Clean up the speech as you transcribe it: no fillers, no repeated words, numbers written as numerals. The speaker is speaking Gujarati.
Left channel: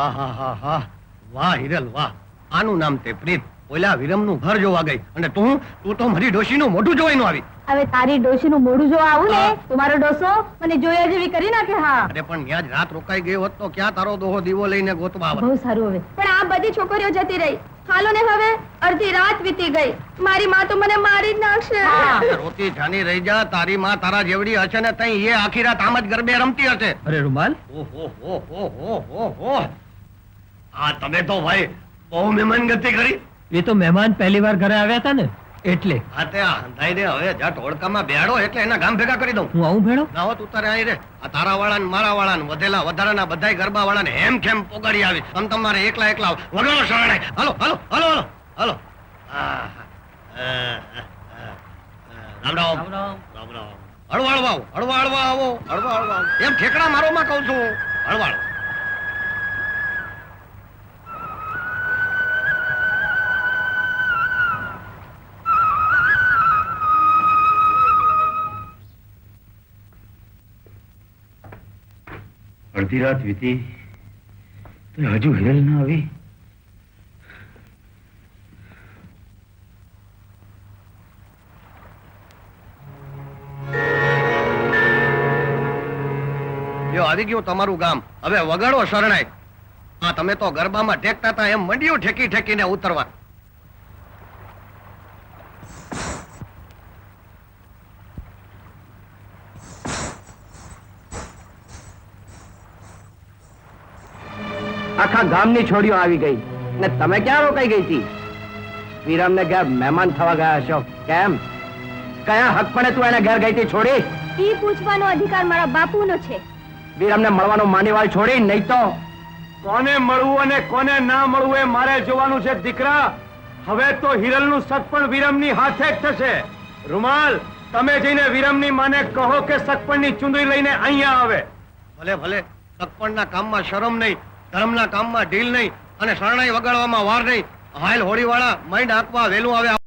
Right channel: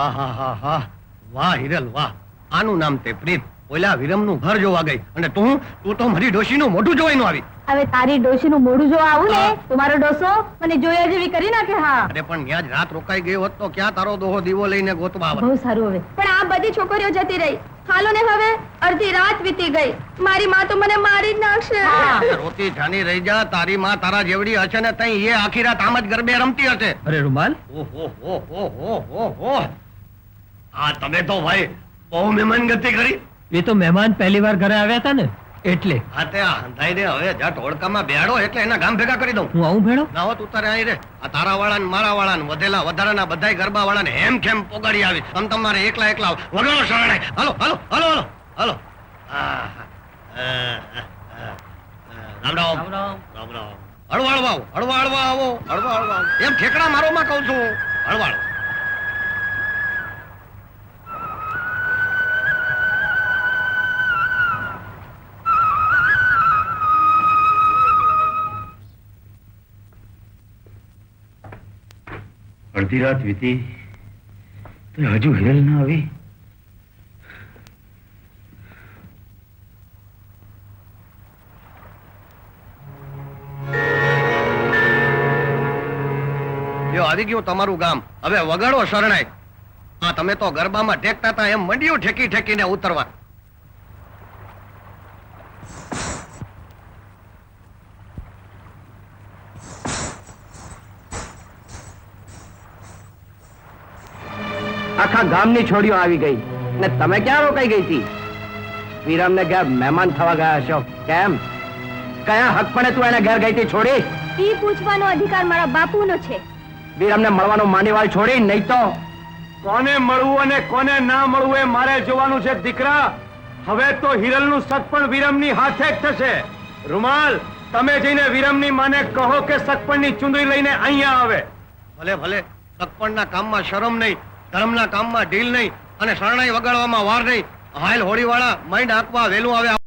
આહાહાહા. વાહ હિરલ વાહ, આનું નામ તે પ્રીત. ઓલા વિરમનું ઘર જોવા ગઈ અને તું તો મારી ડોશીનું મોઢું જોવાય નો આવી. હવે તારી ડોશીનું મોઢું જોવા આવું ને તો મારો ડોસો મને જોયા જેવી કરી નાખે. હા, અરે પણ ત્યાં જ રાત રોકાઈ ગઈ હોત તો ક્યાં તારો દોહો દીવો લઈને ગોતવા આવત. બહુ સારું. હવે પણ આ બધી છોકરીઓ જતી રહી. હાલો ને, હવે અડધી રાત વીતી ગઈ. મારી માં તો મને મારી જ નાખશે. રોતી જાની રહી જા. તારી માં તારા જેવડી હશે ને તઈ એ આખી રાત આમ જ ગરબે રમતી હશે. અરે રૂમાલ, ઓહો, આ તમે તો ભાઈ બહુ મહેમાન ગતિ કરી. એ તો મહેમાન પહેલી વાર ઘરે આવ્યા હતા ને એટલે. હા તે અંધાઈ દે હવે. જટ હોડકામાં બેહાડો એટલે એના ગામ ભેગા કરી દઉં. હું આવું ભેળો? ના હોત ઉતારે અહીં રે. આ તારા વાળા ને મારા વાળા ને વધેલા વધારાના બધાય ગરબા વાળા ને હેમ ખેમ પોગાડી આવી. આમ તમારે એકલા એકલા વગરો શરણાય. હાલો હાલો હાલો હાલો હાલો. રામ રામ રામ રામ. હળવા હળવા આવો, હળવા હળવા આવો, હળવા હળવા આવો. એમ ઠેકડા મારો માં કહું છું. હળવા હળવા. અડધી રાત વીતી તો હજુ હિરલ ના આવી. જો આવી ગયું તમારું ગામ. હવે વગાડો શરણાઈ. હા, તમે તો ગરબામાં ઠેકતા હતા એમ મંડ્યું ઠેકી ઠેકીને ઉતરવા. આખા ગામની છોડીઓ આવી ગઈ ને તમે ક્યાં રોકાઈ ગઈ હતી? વિરમને ઘેર મહેમાન થવા ગયા છો કેમ? કયા હક પડે તું એને ઘેર ગઈ હતી છોડી? ઈ પૂછવાનો અધિકાર મારા બાપુનો છે. વિરમને મળવાનો માનીવાળ છોડી, નહીં તો કોને મળવું અને કોને ના મળવું એ મારે જોવાનું છે દીકરા. હવે તો હિરલનું સગપણ વિરમની હાથે જ થશે. રૂમાલ, તમે જઈને વિરમની માને કહો કે સગપણની ચુંદડી લઈને અહીંયા આવે. ભલે ભલે. સગપણના કામમાં શરમ નહીં, ધર્મના કામમાં ઢીલ નહીં અને શરણાઈ વગાડવામાં વાર નહીં. હાલ હોળી વાળા માંડ આંકવા વેલું આવે.